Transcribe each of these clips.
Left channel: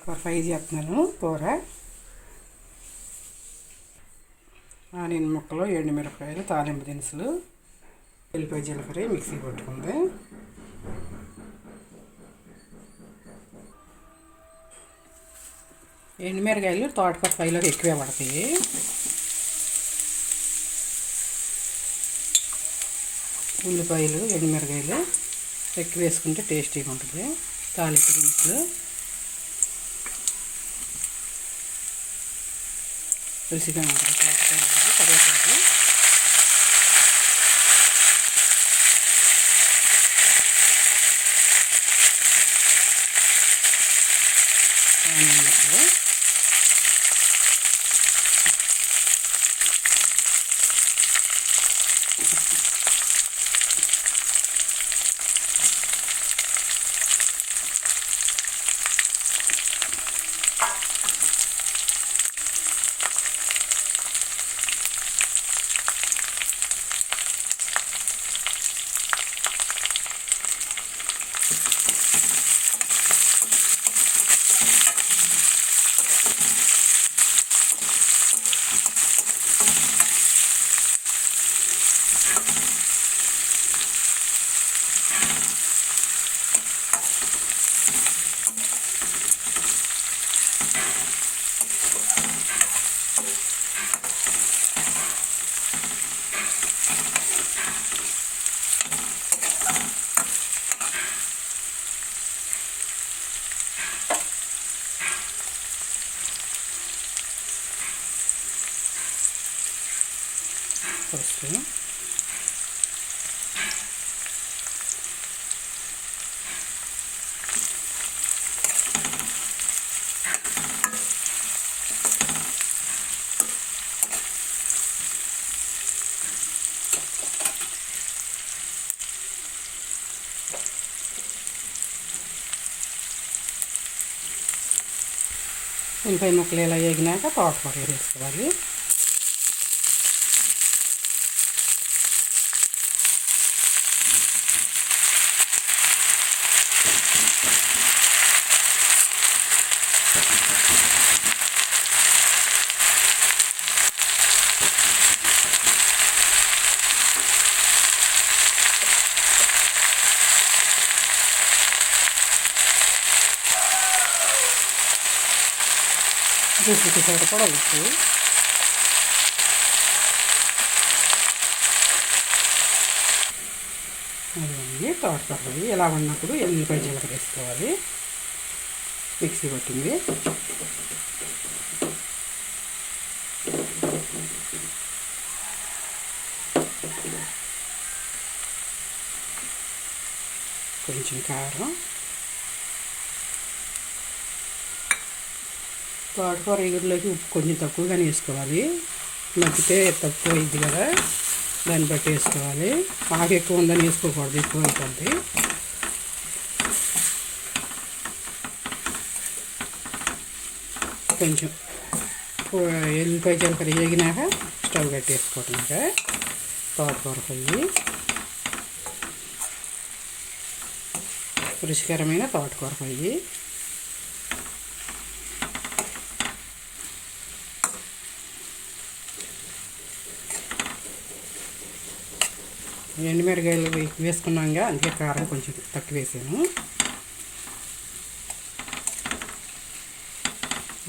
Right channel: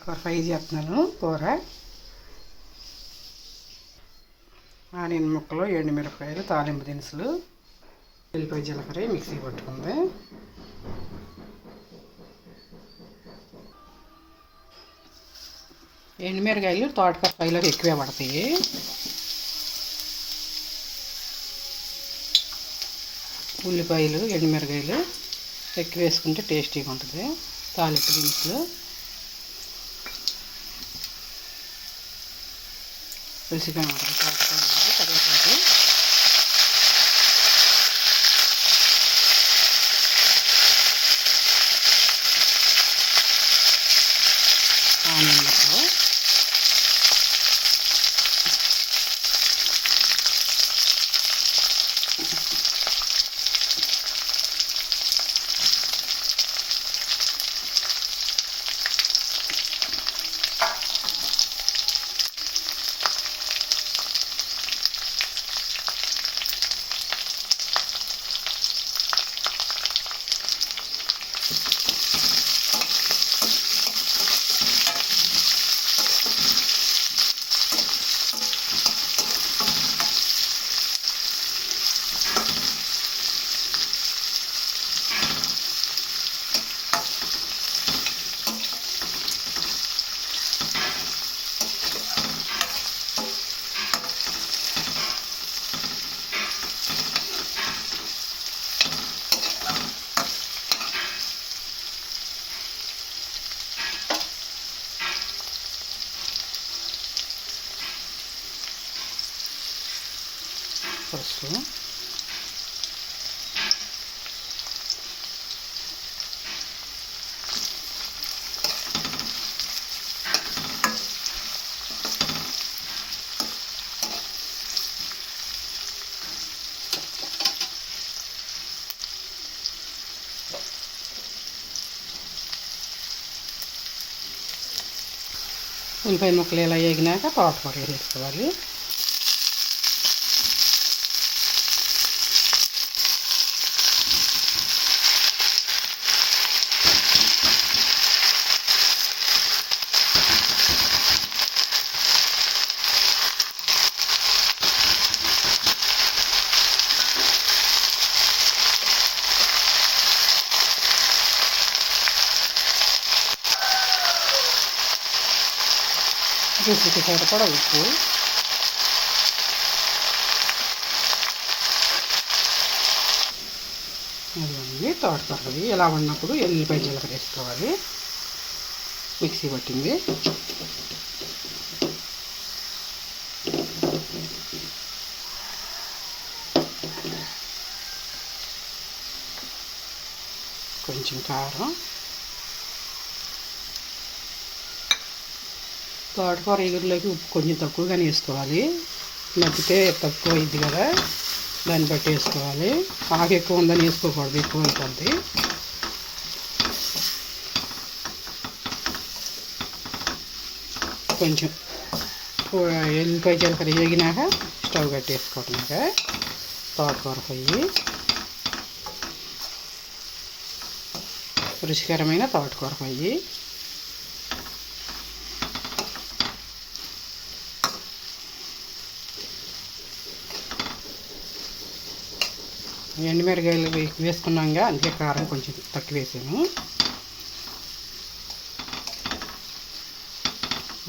తోటకూర ఫ్రై చేస్తున్నాను. కూర ఆనియన్ ముక్కలు, ఎండుమిరపకాయలు, తాలింపు దినుసులు, ఎల్లిపాయ జీలకర్ర మిక్సీ పట్టుకుంది. ఎండుమిరకాయలు తోటకూర ఫ్రైలోకి ఎక్కువే పడతాయి. ఉల్లిపాయలు, ఎండుమిరకాయలు ఎక్కువ వేసుకుంటే టేస్టీగా ఉంటుంది. తాలింపు దినుసులు, రుచిగా ఉంటుంది. కరివేపాకు, ఆనియన్ ముక్కలు, ఫస్ట్ ఉల్లిపాయ ముక్కలు ఇలా వేగినాక తోటకూర వేసుకోవాలి. రుచికి సరిపడా ఉప్పు, అదివన్నీ తోటకూర ఇలా ఉన్నప్పుడు ఎల్లిపాయ జీలకర్ర వేసుకోవాలి. మిక్సీ పట్టింది. కొంచెం కారం, తోటకూర ఎగురులోకి ఉప్పు కొంచెం తక్కువగానే వేసుకోవాలి. మగ్గితే తక్కువ అయింది కదా, దాన్ని బట్టి వేసుకోవాలి. ఆకు ఎక్కువ ఉందని వేసుకోకూడదు, ఎక్కువ అయిపోద్ది. కొంచెం ఎల్లిపాయ జీలకర్ర వేగినాక స్టవ్ కట్టేసుకోవటం. తోటకూర ఫ్రై రుచికరమైన తోటకూర ఫ్రై. ఎండుమిరకాయలు వేసుకున్నాగా, అందుకే కారం కొంచెం తక్కువ వేసాను.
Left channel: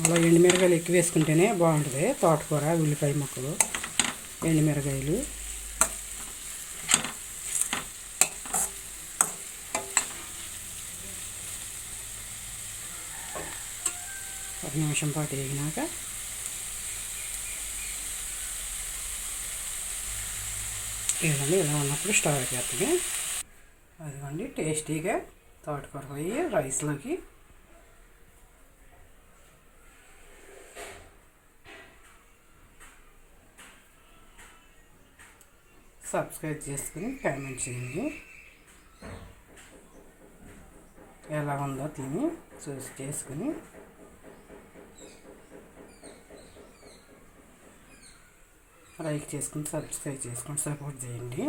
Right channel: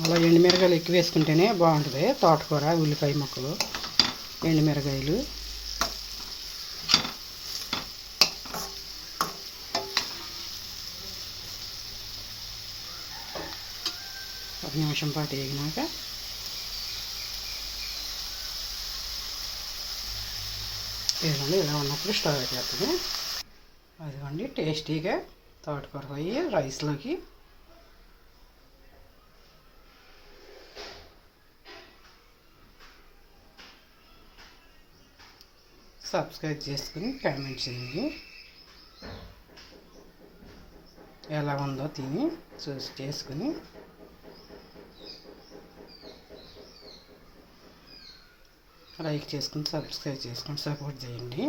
అలా ఎండుమిరకాయలు ఎక్కువ వేసుకుంటేనే బాగుంటుంది తోటకూర. ఉల్లిపాయ ముక్కలు, ఎండుమిరకాయలు, ఒక నిమిషం పాటు వేగినాక ఇవ్వండి. ఇలా ఉన్నప్పుడు స్టవ్ పెట్టేస్తుంది. అదిగోండి టేస్టీగా తోటకూర ఫ్రై రైస్లోకి. సబ్స్క్రైబ్ చేసుకుని కామెంట్ చేయండి. ఎలా ఉందో తిని చూసి చేసుకుని లైక్ చేసుకుని సబ్స్క్రైబ్ చేసుకుని సపోర్ట్ చేయండి.